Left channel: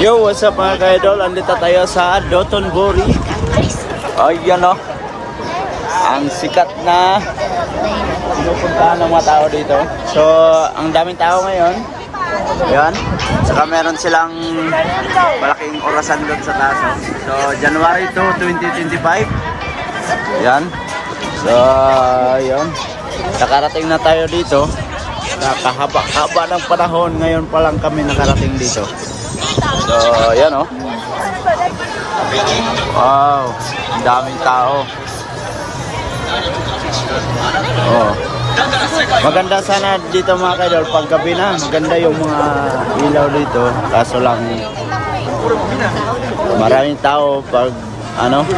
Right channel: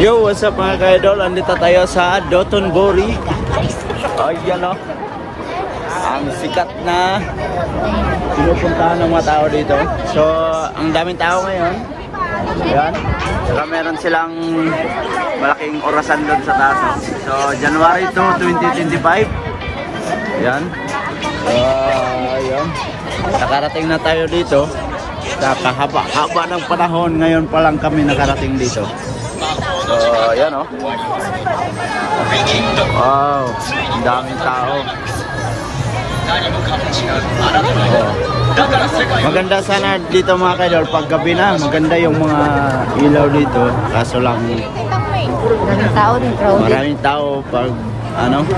Yo, what's up mga ka-idol? Andito tayo sa Dotonbori. Ayan o. Ang sikat na pinupuntahan ng mga tao dito. So, ang daming tao ngayon. Ayan. Saka meron silang malaking orasan doon sa taas. So, January 2, 2025. Ayan. So, ayan. Nakarating na tayo dito. Kahaba ng panahon. Ngayon pa lang kami nakarating dito. So, ayan o. Wow, ang daming tao. Oh. Maganda sana dito mga kaidol pag gabi na. Maganda yung mga ilaw dito. Kaso lang maraming tao pag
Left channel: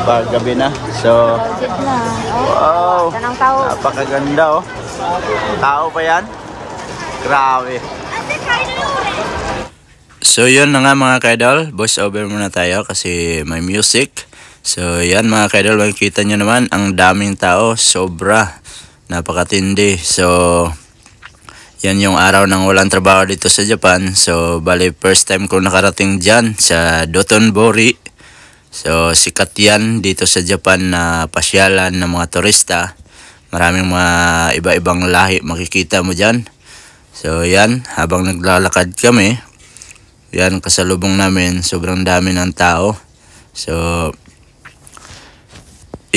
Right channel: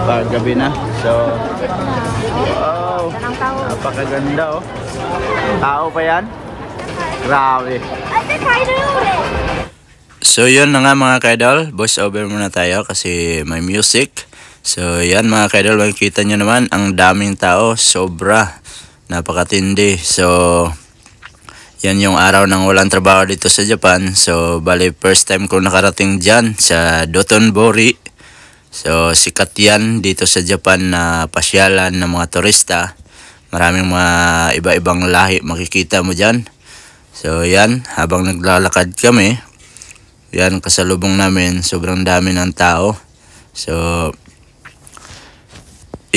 pag gabi na. So, wow, napakaganda oh. Tao pa yan? Grabe. So yun na nga mga kaidol, voice over muna tayo kasi may music. So yan mga kaidol, makikita nyo naman ang daming tao, sobra, napakatindi. So yan yung araw ng walang trabaho dito sa Japan. So bali first time ko nakarating dyan sa Dotonbori. So sikat yan dito sa Japan na pasyalan ng mga turista. Maraming mga iba-ibang lahi makikita mo dyan. So yan, habang naglalakad kami, yan kasalubong namin, sobrang dami ng tao. So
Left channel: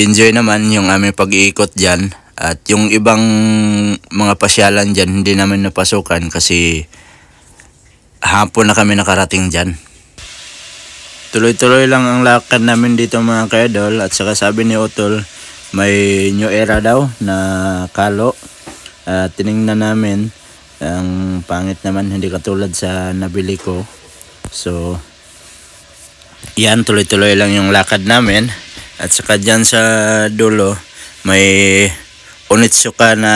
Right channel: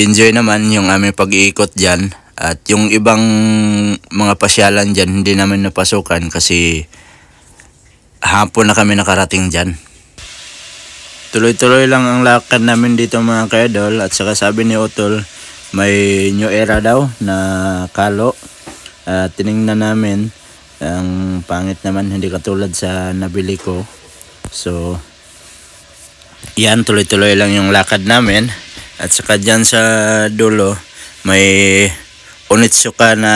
enjoy naman yung aming pag-iikot dyan. At yung ibang mga pasyalan dyan hindi namin napasukan kasi hapon na kami nakarating dyan. Tuloy-tuloy lang ang lakad namin dito mga kaidol. At saka sabi ni Otol, may new era daw na kalo. Tinignan namin, ang pangit naman, hindi katulad sa nabili ko. So yan, tuloy-tuloy lang yung lakad namin. At saka dyan sa dulo may Onitsuka na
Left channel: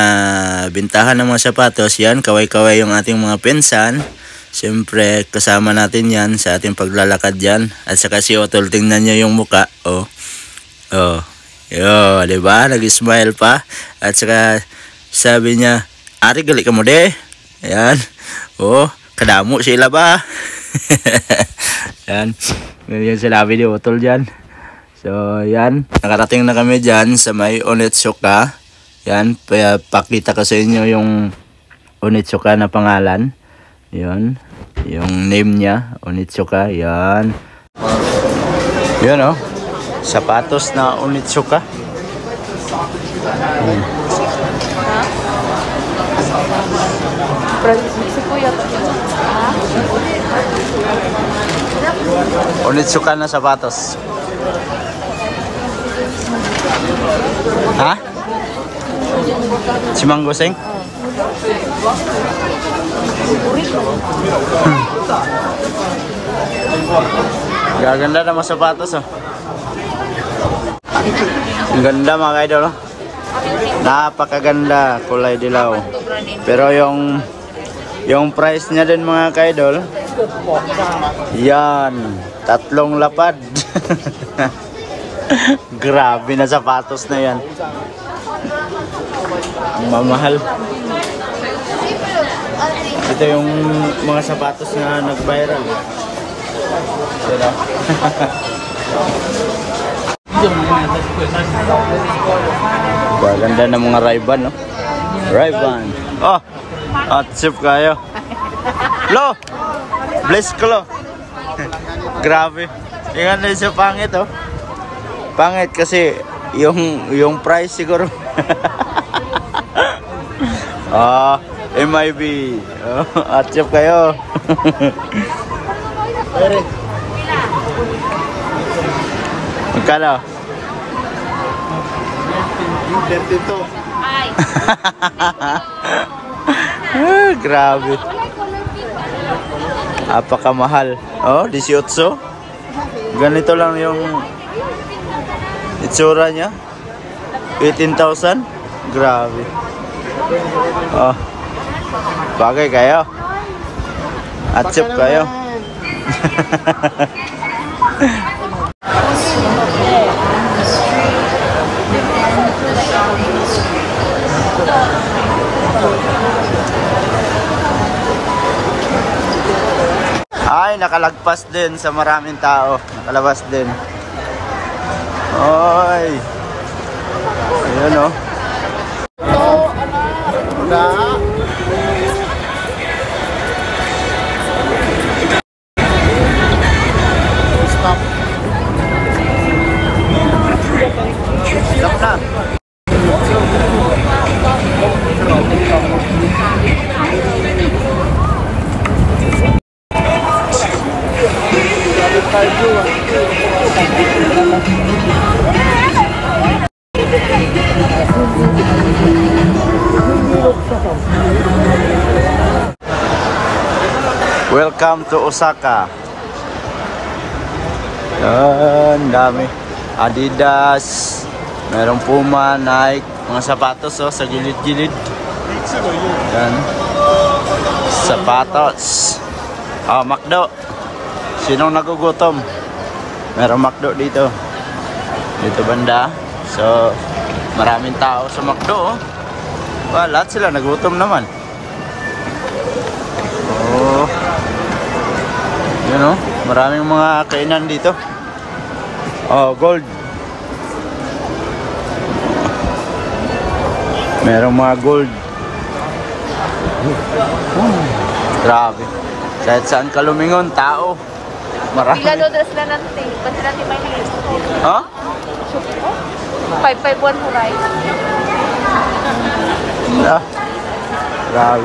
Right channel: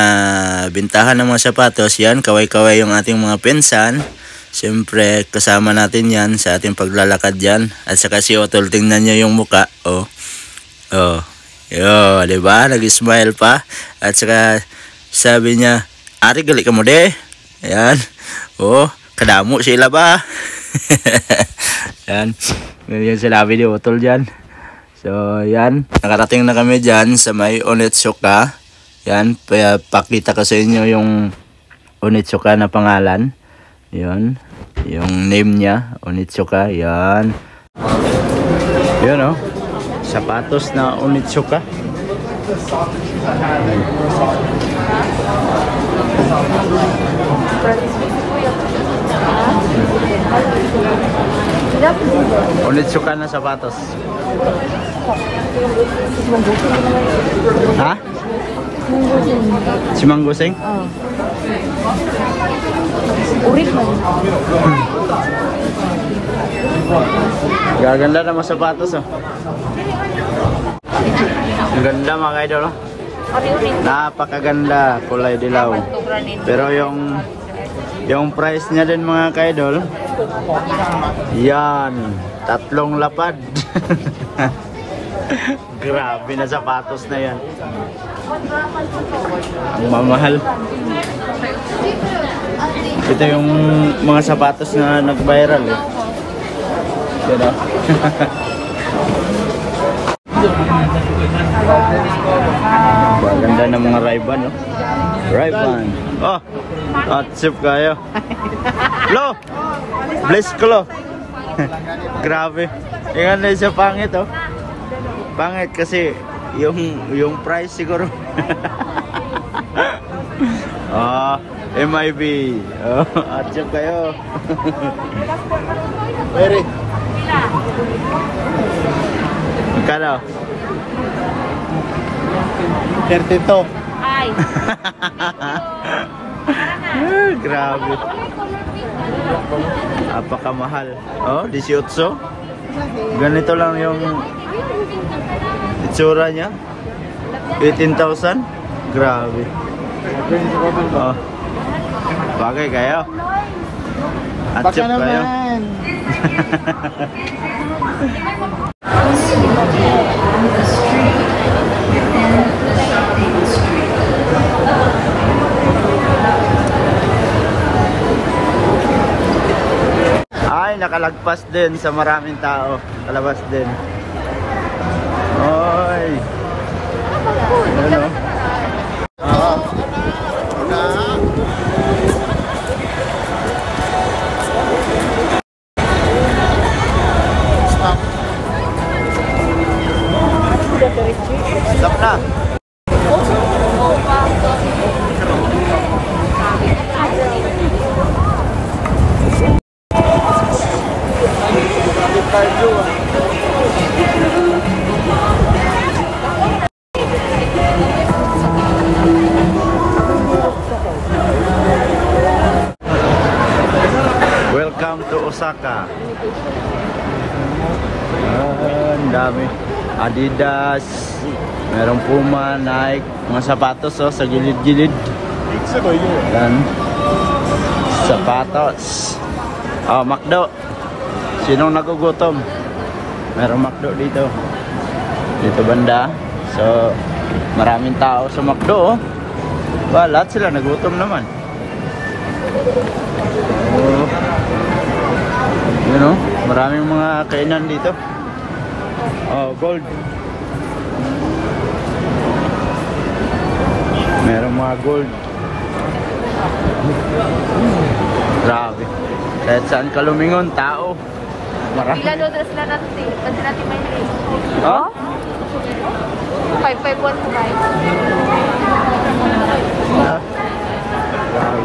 bintahan ng mga sapatos. Yan, kaway-kaway yung ating mga pinsan. Siyempre kasama natin yan sa ating paglalakad dyan. At saka si Otol, tingnan nyo yung muka. Oh, yo, diba? Nag-smile pa. At saka sabi niya, "Ari, gali ka mo de." Ayan. Oh, kadamo sila ba? Yan. Yan sinabi ni Otol dyan. So, yan. Nakarating na kami dyan sa may Onitsuka. Yan. Pakita ko sa inyo yung Onitsuka na pangalan. Yan. Yung name niya. Onitsuka. Yan. Yan oh. Sapatos na Onitsuka. Onitsuka na sapatos. Ha? Si Manggoseng? Gaganda naman sapatos oh. Ang ganda mga kaidol oh. Napakaganda, kulay dilaw. Pero yung price niya din mga kaidol, yan, 3 lapad. Grabe na sapatos na yan. Ang mamahal. Ito yung mga sapatos na nag-viral eh. Diba? Gaganda ng mga Ray-Ban no? Ray-Ban. Oh, hot-sip kayo. Lo! Bless ko lo. Grabe. Ingan na siya pangit oh. Pangit kasi yung price siguro. MIB. Hot-sip kayo. Magkano? 32. Grabe. Apakamahal. Oh, 18. Ganito lang yung itsura niya. 18,000? Grabe. Oh. Bagay kayo. Atsip kayo. Ay, nakalagpas din sa maraming tao. Nakalabas din. Oy. Ayan o. Stop. Stop na. Welcome to Osaka. Ang dami. Adidas, mayroong Puma, Nike, mga sapatos oh, sa gilid-gilid. Yan. Sapatos. Oh, McDo. Sinong nagugutom? Merong McDo dito. Dito banda. So, maraming tao sa McDo. Ba, lahat sila nagutom naman. Oh. Yun oh. Maraming mga kainan dito. Oh, gold. Merong mga gold. Grabe. Kahit saan ka lumingon, tao. Marami. Ilan dress na natin? Pwede natin mahinig. Huh? 551 price. Yeah. Grabe.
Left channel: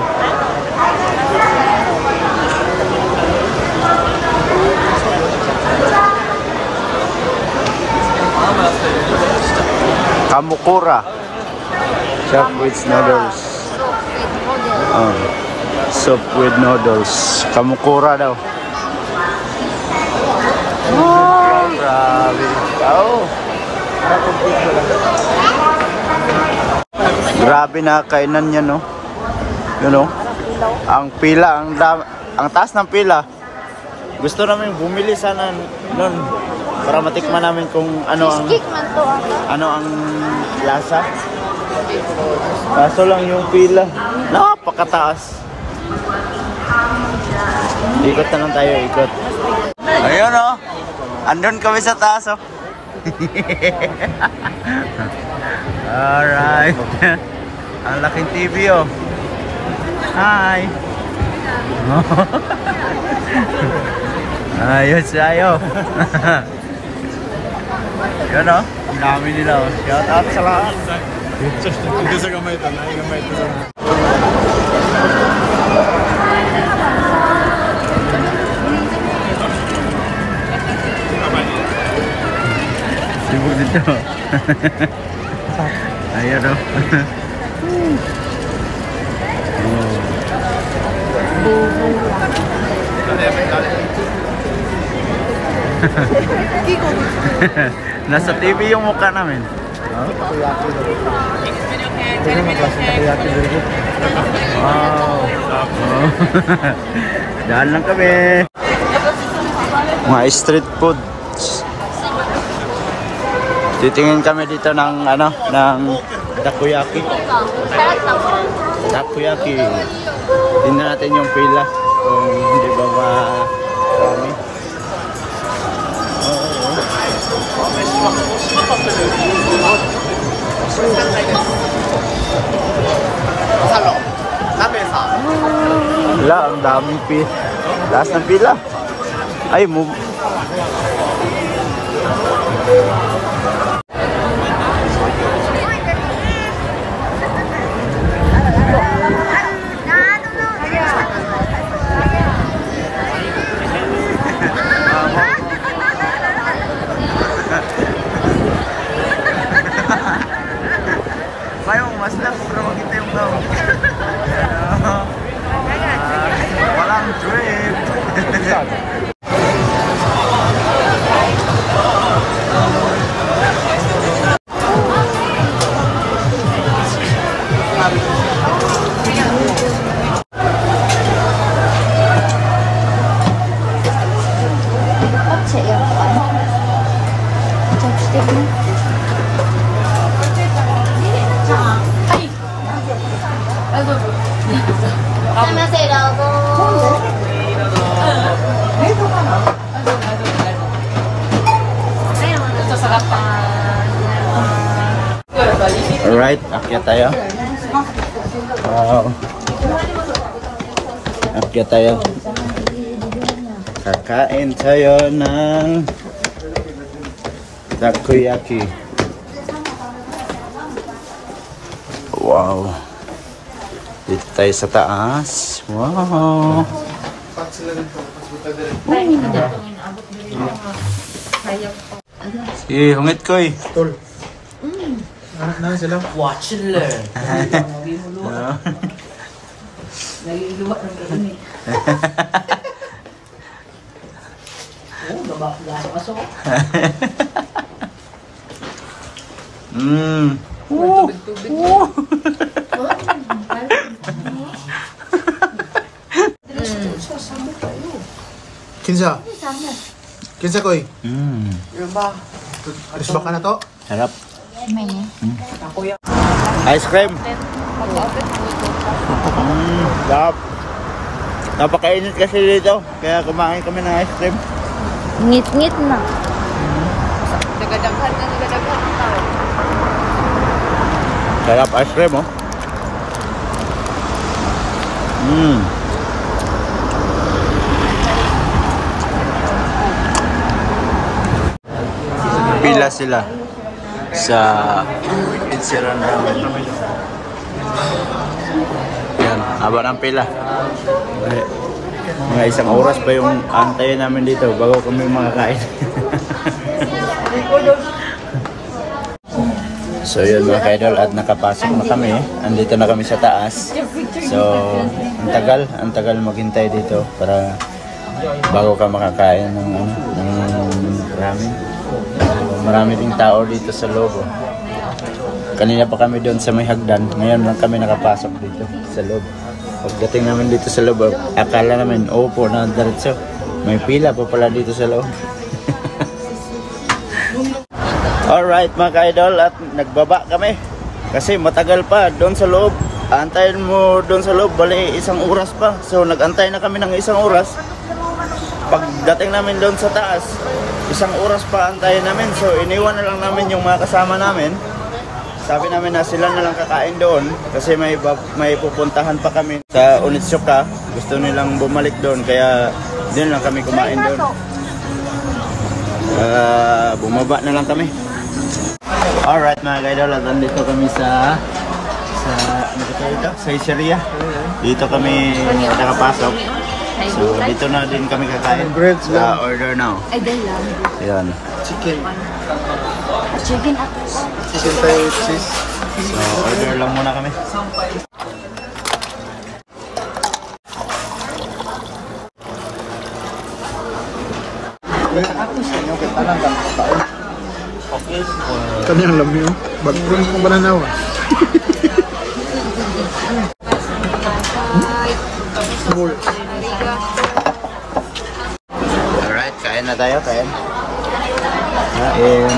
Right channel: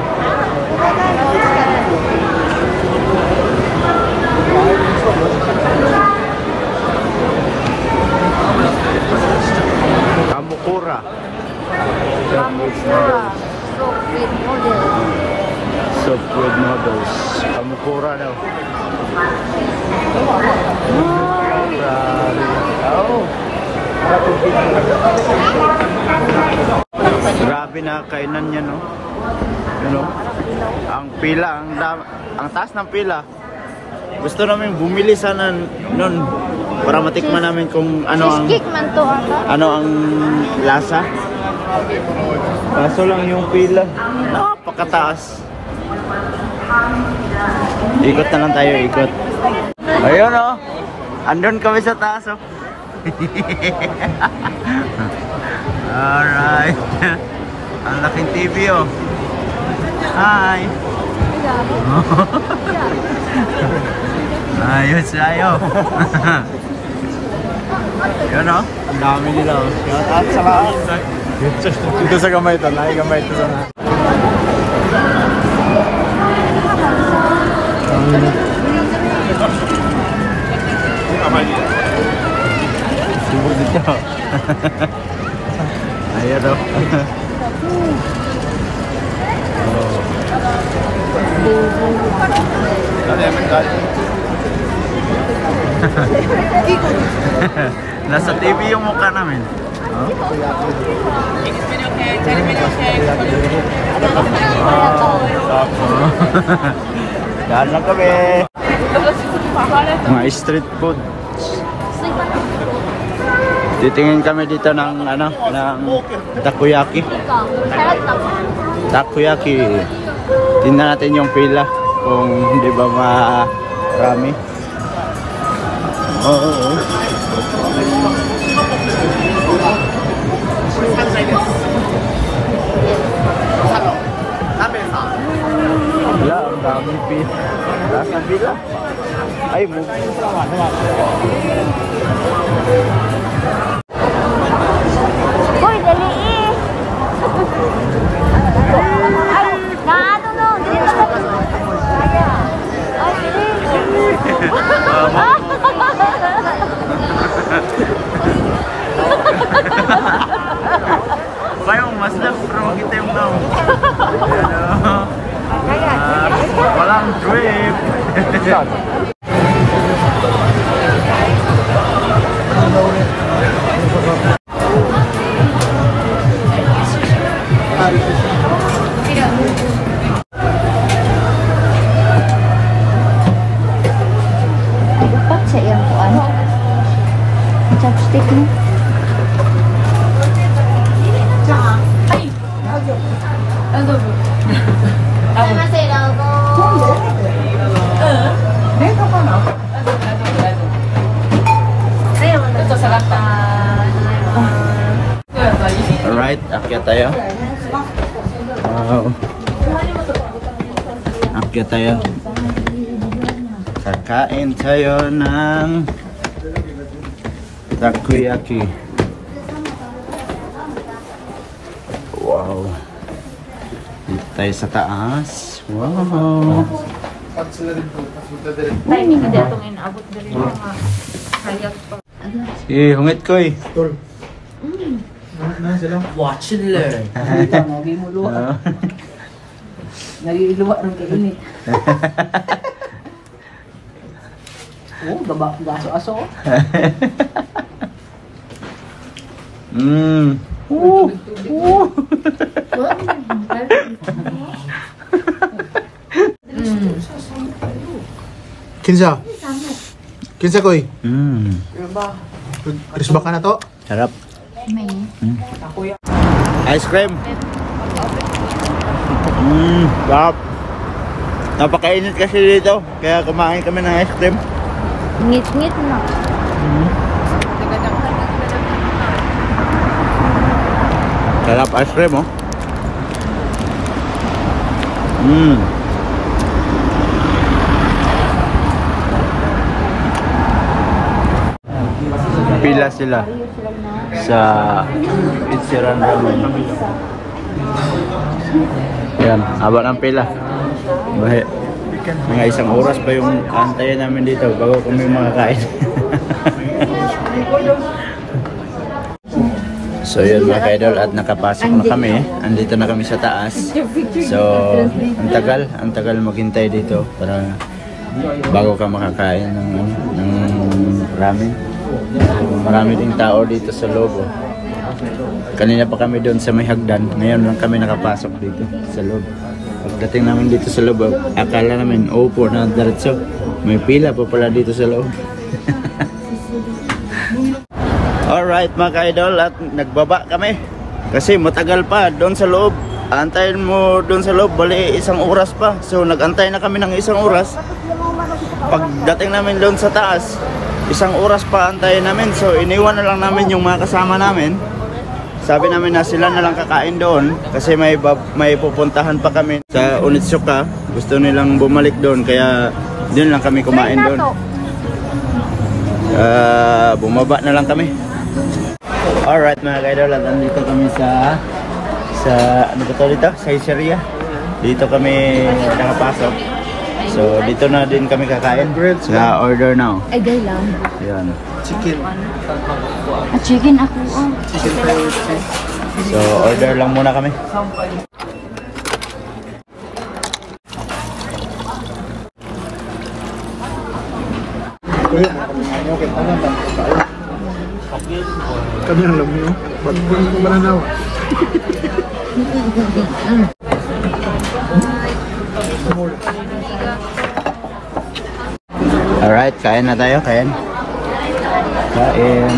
Kamukura. Chop with noodles. Soup with noodles. Soup with noodles. Kamukura daw. Oh, grabe. Oh. Grabe na kainan niya, no? You know? Ang pila, ang taas ng pila. Gusto namin bumili sana nun para matikman namin kung ano ang lasa. Kaso lang yung pila, napakataas. Ikot na lang tayo, ikot. Ayun oh, andun kami sa taas oh. Alright. Ang laking TV oh. Hi. Ayos tayo. Yun oh, ang dami nila oh. Shout out sa lahat. Dito sa gamay ito, nakigamay ito sa lahat. Siguro dito. Ayan o. Nasa TV yung mukha namin. Daan lang kami. Mga street food. Titingin kami dito ng ng takoyaki. Takoyaki. Tingnan natin yung pila kung hindi ba marami. Oo. Wala, ang daming pila. Taas ng pila. Ay, move. Uy, dali eh. Ay, naano no. Kayong mas lang, pero makita yung daw. Walang drip. Akyat tayo. Wow. Akyat tayo. Kakain tayo ng takoyaki. Wow. Dito tayo sa taas. Wow. Si hungit ko eh. Watch and learn. Lagi mo luwa. Nailuwa rin ka rin eh. Oh, gaso-aso. Kinsa ko eh. Aris ba ka na to? Sarap. May. Ice cream. Sarap. Napakainit kasi dito. Kaya kumain kami ng ice cream. Ngit-ngit na. Sarap ice cream oh. Pila sila sa Ichiran Ramen. Yan, haba ng pila. Mga isang oras pa yung antayin namin dito bago kami makakain. So yun mga ka-idol, at nakapasok na kami. Andito na kami sa taas. So ang tagal maghintay dito para bago ka makakain ng ramen. So, marami ding tao dito sa loob. Oh. Kanina pa kami doon sa may hagdan. Ngayon lang kami nakapasok dito sa loob. Pagdating namin dito sa loob, akala namin opo na diretso. May pila po pala dito sa loob. Alright mga ka-idol, at nagbaba kami. Kasi matagal pa doon sa loob. Antayin mo doon sa loob, bali isang oras pa. So nag-antay na kami ng isang oras. Pagdating namin doon sa taas, isang oras pa antayin namin. So iniwan na lang namin yung mga kasama namin. Sabi namin na sila na lang kakain doon kasi may pupuntahan pa kami sa Onitsuka. Gusto nilang bumalik doon kaya doon lang kami kumain doon. Bumaba na lang kami. Alright mga ka-idol, at nandito kami sa ano ba dito? Sa Iseria. Dito kami nakapasok. So dito na din kami kakain. Order now. Ay, day lang. Ayan. Chicken. Chicken hot. So order lang muna kami. Ano ka tanan lang tao. Kanya lang yun. Bagong ko ba na daw? Alright, kain na tayo. Kain. Kain.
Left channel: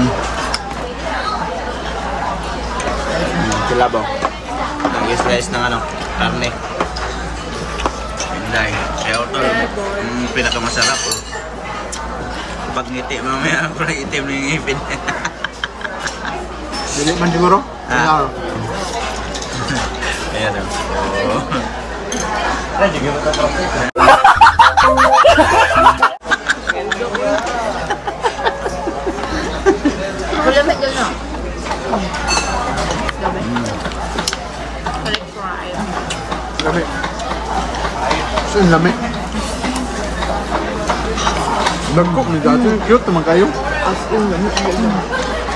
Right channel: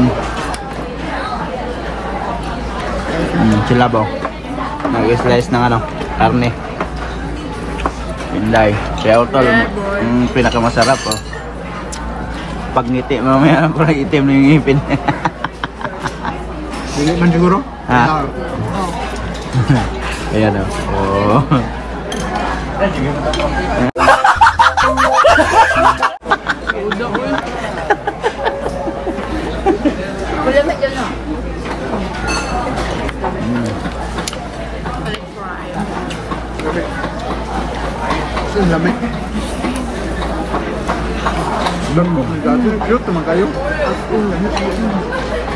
Kinabaw. Nag-slice ng karne. Inday. Kaya ito, pinakamasarap oh. Pag ngiti, mamaya ako na itim ng ngipin. Dili man siguro? Ha? Ayan oh. So, lami. Lambok ni dati. Cute naman kayo.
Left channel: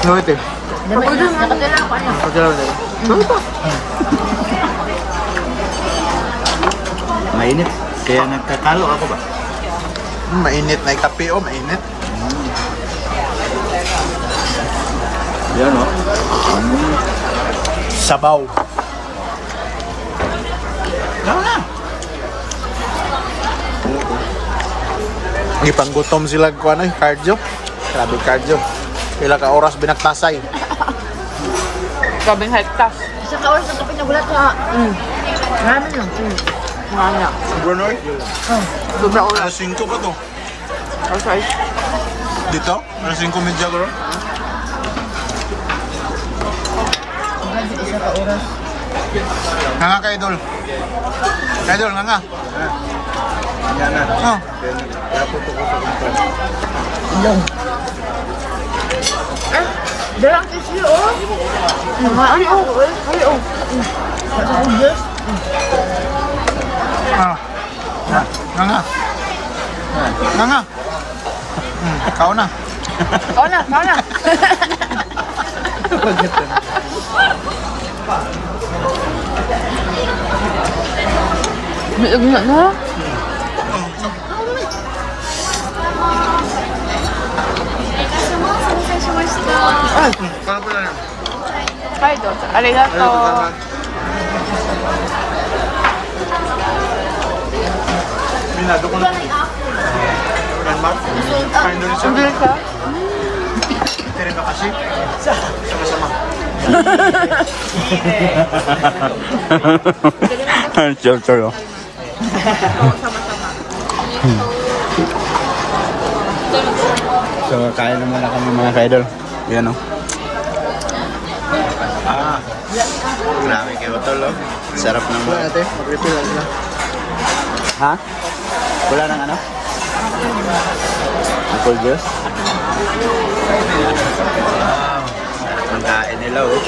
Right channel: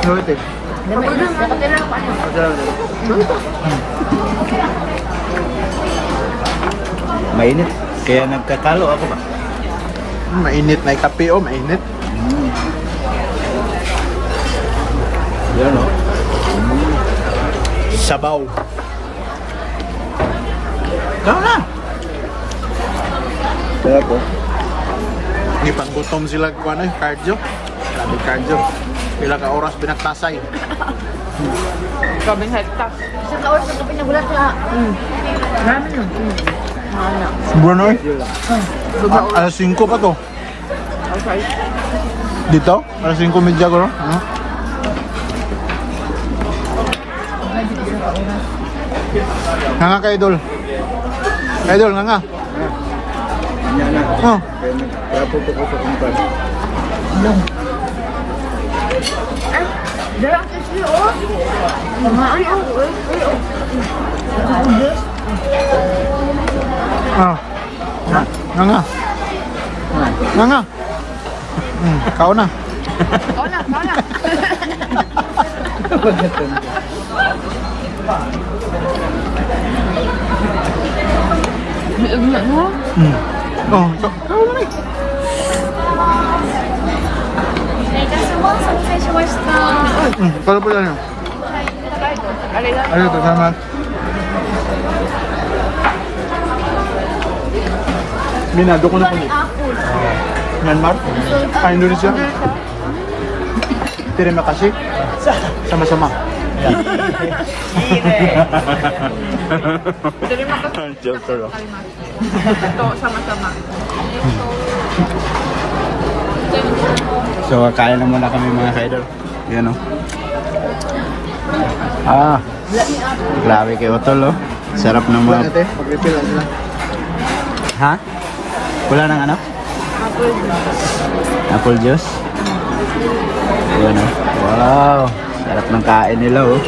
No, ito. Mainit. Kaya nagkakalo ako ba? Mainit na kape o, mainit. Yan o. Sabaw. Tama na. Ipanggutom sila ko ano, cardio. Grabe cardio. Sila ka oras binaktasay. Grabing hektas. Sa kaon sa kape niya bulat na. Ano? Alas 5 pa to. Dito? Alas 5 medya ko no? Nga nga ka, idol. Idol, nga nga. Yan na. Oh. Kaya puto ko sa kumpan. Darang isli, oh. Mahaan, oh. Ah. Nga nga. Nga nga. Kao na. Kau na, kau na. Gila na. Oh, so. Kalau pula na. Arigato. Minado ko na. Myanmar. Kainin siya. Terima kasih. Sama-sama. Sure. So, kain na muna kami mga ka-idol. Yan o. Grabe kayo ito, no? Sarap naman. Ate, mag-refill lang sila. Ha? Wala na ano? Apple juice? Yan o. Wow! Sarap ng kain nila, oh.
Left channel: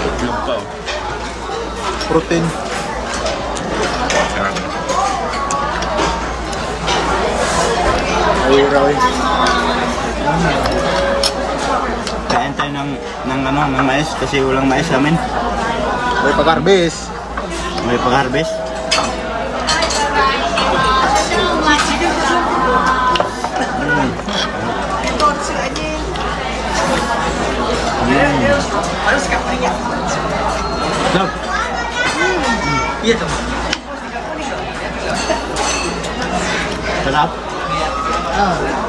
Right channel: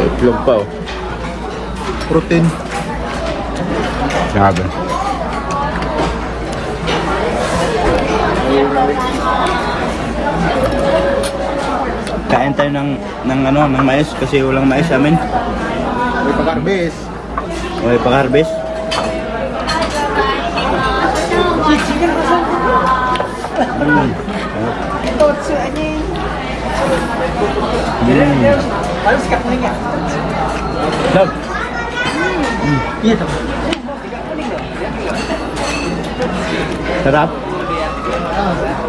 Itlog pa, oh. Protein. Grabe. Kain tayo ng mais kasi walang mais sa amin. May pag-arbis. May pag-harvest. Dog. Sarap.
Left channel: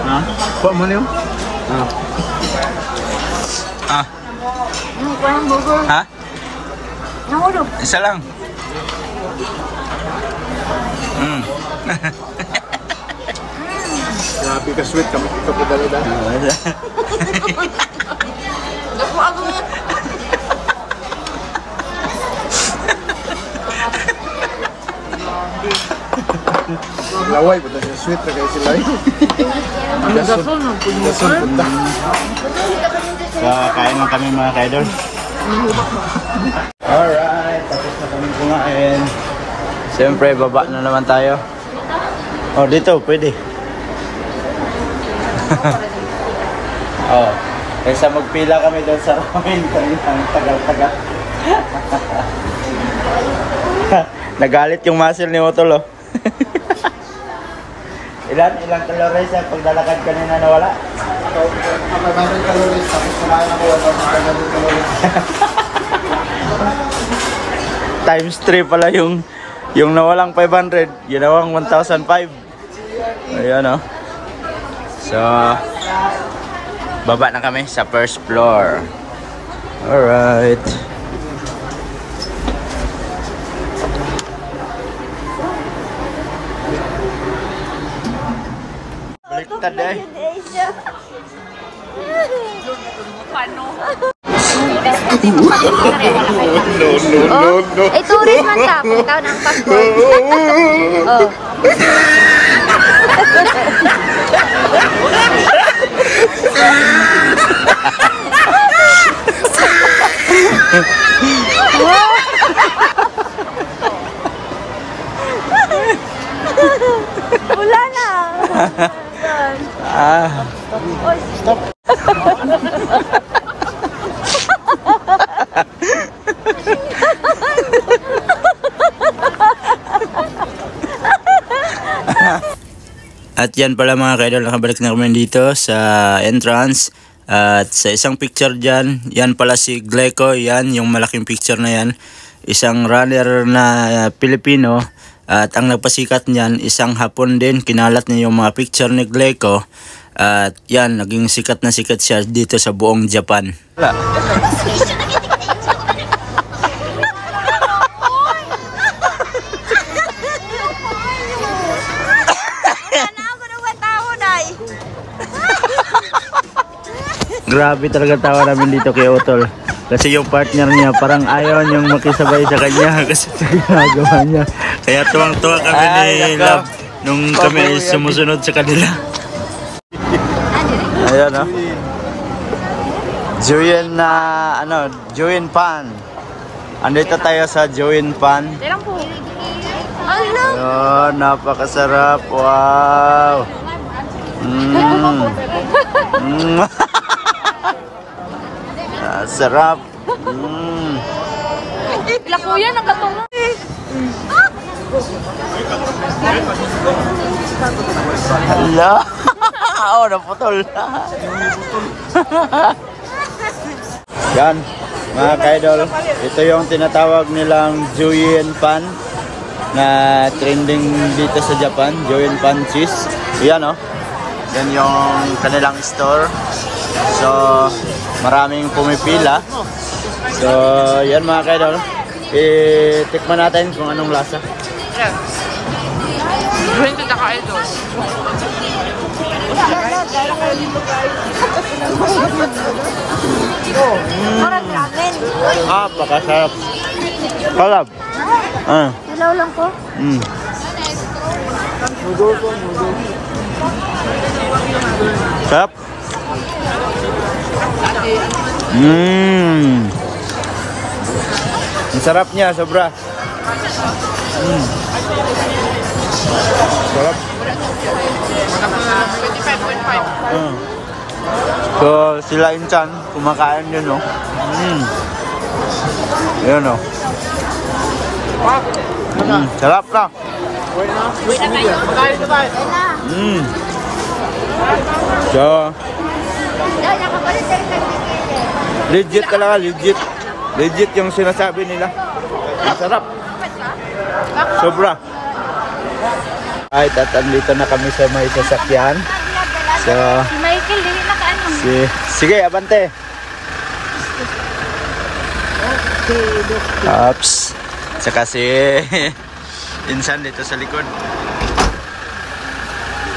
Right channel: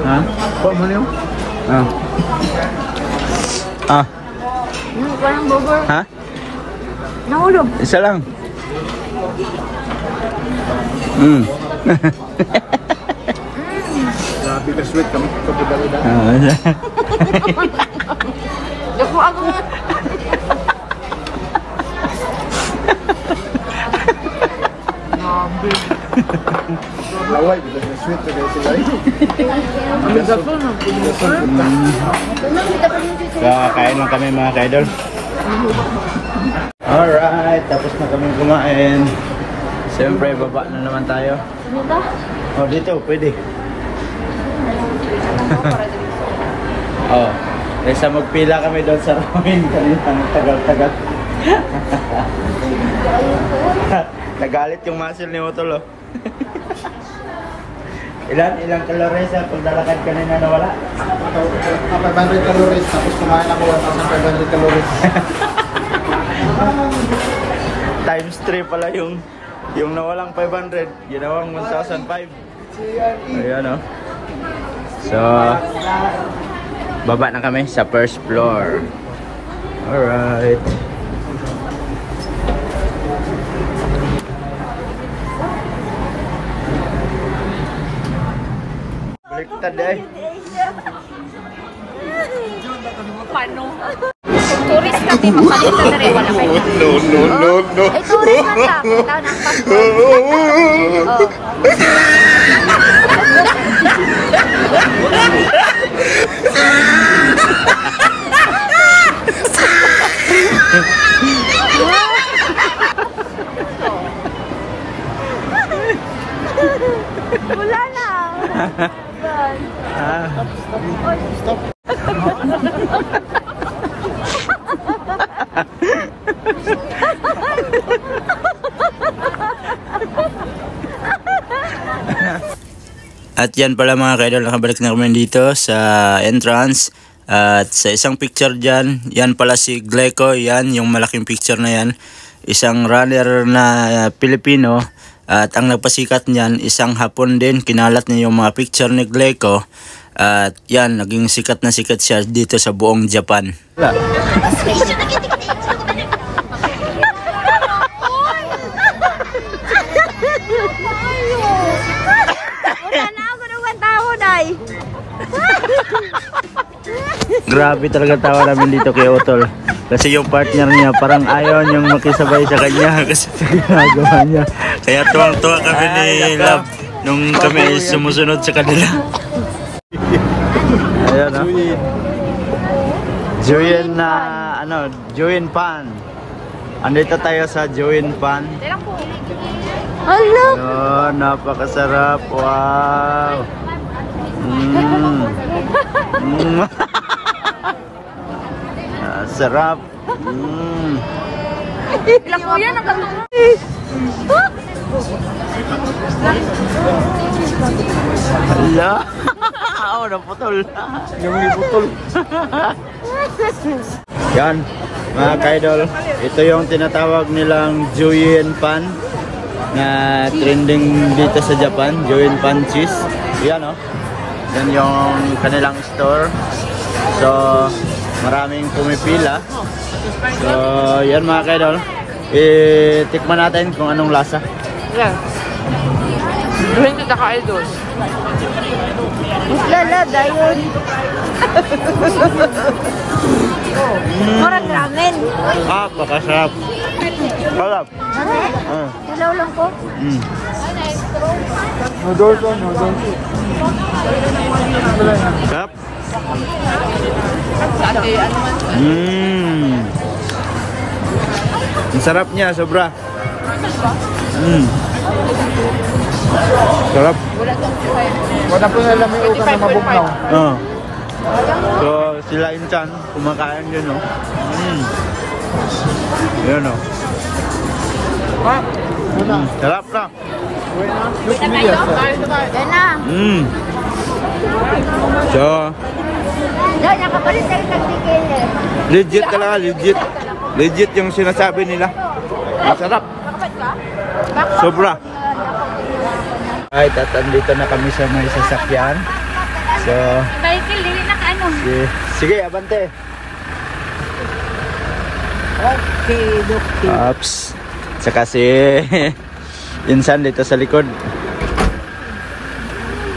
Ha? Kok mo niyo? Parang burger. Ha? Nahulog. Isa lang. Grabe ka sweet kami kapagalo na. Laway, but that's sweet na kayo sila. So, kain lang kami mga ka-idol. Alright, tapos na kami kumain. Siyempre, baba na naman tayo. Oh, dito, pwede. Oh, kaysa magpila kami doon sa ramen, kanina tagal-tagal. Nagalit yung muscle ni Otol, oh. Ilang calories ang paglalakad kanina nawala? 500 calories, tapos kumain ako 1,500 calories. Times 3 pala yung nawalang 500, ginawang 1,005. Ayan, oh. So, baba na kami sa first floor. Alright. Baliktad eh. Paano? Turis kasi mapalit ka na rin. Wala kayo. No. Eh, turis na ka. Punta na wala na. Stop. At yan pala mga ka-idol, nakabalik na kami dito sa entrance. At sa isang picture dyan, yan pala si Gleco, yan yung malaking picture na yan. Isang runner na Pilipino. At ang nagpasikat niyan, isang Hapon din. Kinalat niya yung mga picture ni Gleco. At yan, naging sikat na sikat siya dito sa buong Japan. Grabe talaga tawa namin dito kay Utol. Kasi yung partner niya parang ayaw niyang makisabay sa kanya kasi sa ginagawa niya. Kaya tuwang-tuwa kami ni Love nung kami sumusunod sa kanila. Ayan o. Joyin na Joyin Pan. Andito tayo sa Joyin Pan. Ayun, napakasarap. Wow. Sarap. Ilang kuya nagkatulong. Hala. Oh, naputol. Yung iputol. Yan, mga kaidol. Ito yung tinatawag nilang Joyin Pan na trending dito sa Japan. Joyin Pan cheese. Yan o. Yan yung kanilang store. So, maraming pumipila. So, yan mga kaidol. Tikman natin kung anong lasa. Yan. Duhin kita ka, idol. Pakasarap. Kalab. Ilaw lang ko. Sarap. Ang sarap niya, sobra. Sarap. Wala pa na lang yung ka na mabugnaw. So, sila Inchan, kumakain yun, no? Yun, no? Sarap na. So, legit talaga, legit. Legit yung sinasabi nila. Ang sarap. Sobra. Ay, tatandito na kami sa may sasakyan. So, Si Michael, hindi nakaano. sige, abante. Ups. Saka si Insan dito sa likod.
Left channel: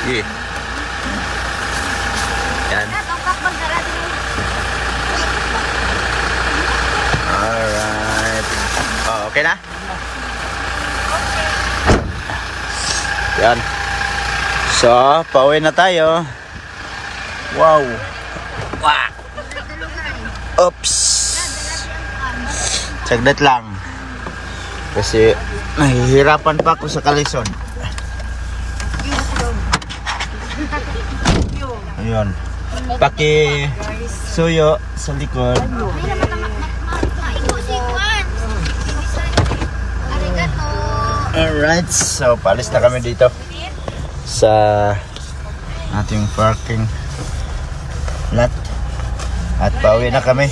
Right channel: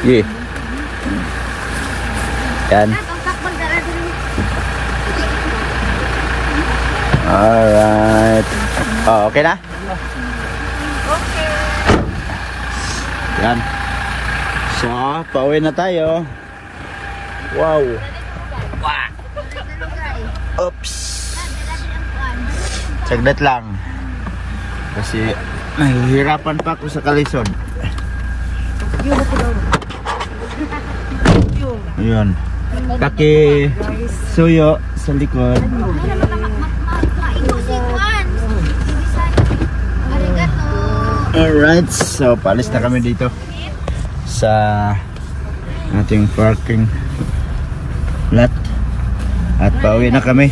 Sige. Yan. Alright. Oh, okay na? Yan. So, pauwi na tayo. Wow. Oops. Saglit lang. Kasi nahihirapan pa ako sa kalisod. Yun. Paki suyo sa likod. Alright, so paalis na kami dito sa ating parking lot at pauwi na kami.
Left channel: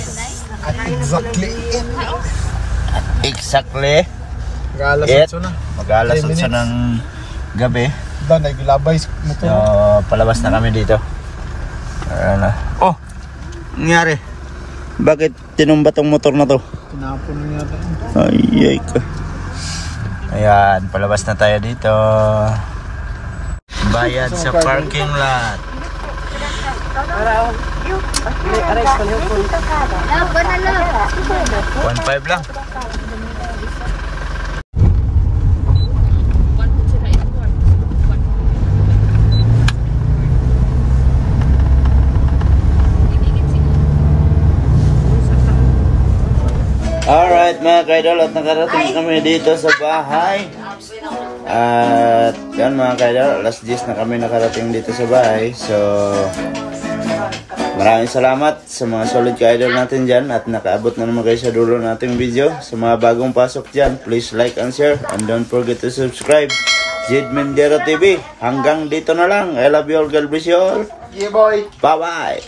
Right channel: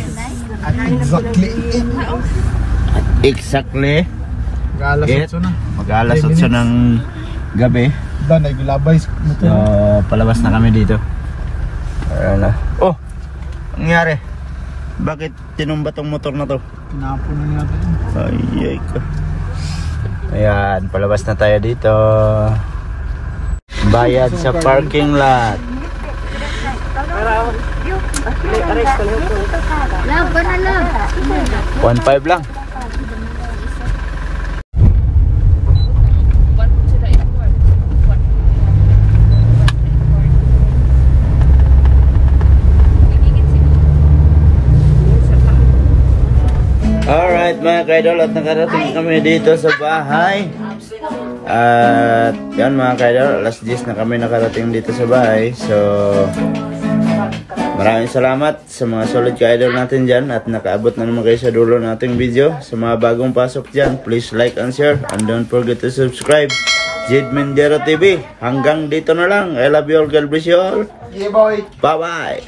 Exactly. Mag-alas 8 ng gabi. So palabas na kami dito. Oh, nangyari? Bakit tinumba tong motor na to? Tinapon niya natin. Ay ko. Ayan, palabas na tayo dito. Bayad sa parking lot. 1.5 lang. Alright mga kaidol, at nakarating kami dito sa bahay. At yan mga kaidol, alas 10 na kami nakarating dito sa bahay. So maraming salamat sa mga solid ka-idol natin dyan at nakaabot na naman kayo sa dulo nating video. Sa mga bagong pasok dyan, please like and share and don't forget to subscribe. Jade Mendero TV. Hanggang dito na lang. I love you all. God bless you all. Yeah, boy. Bye bye.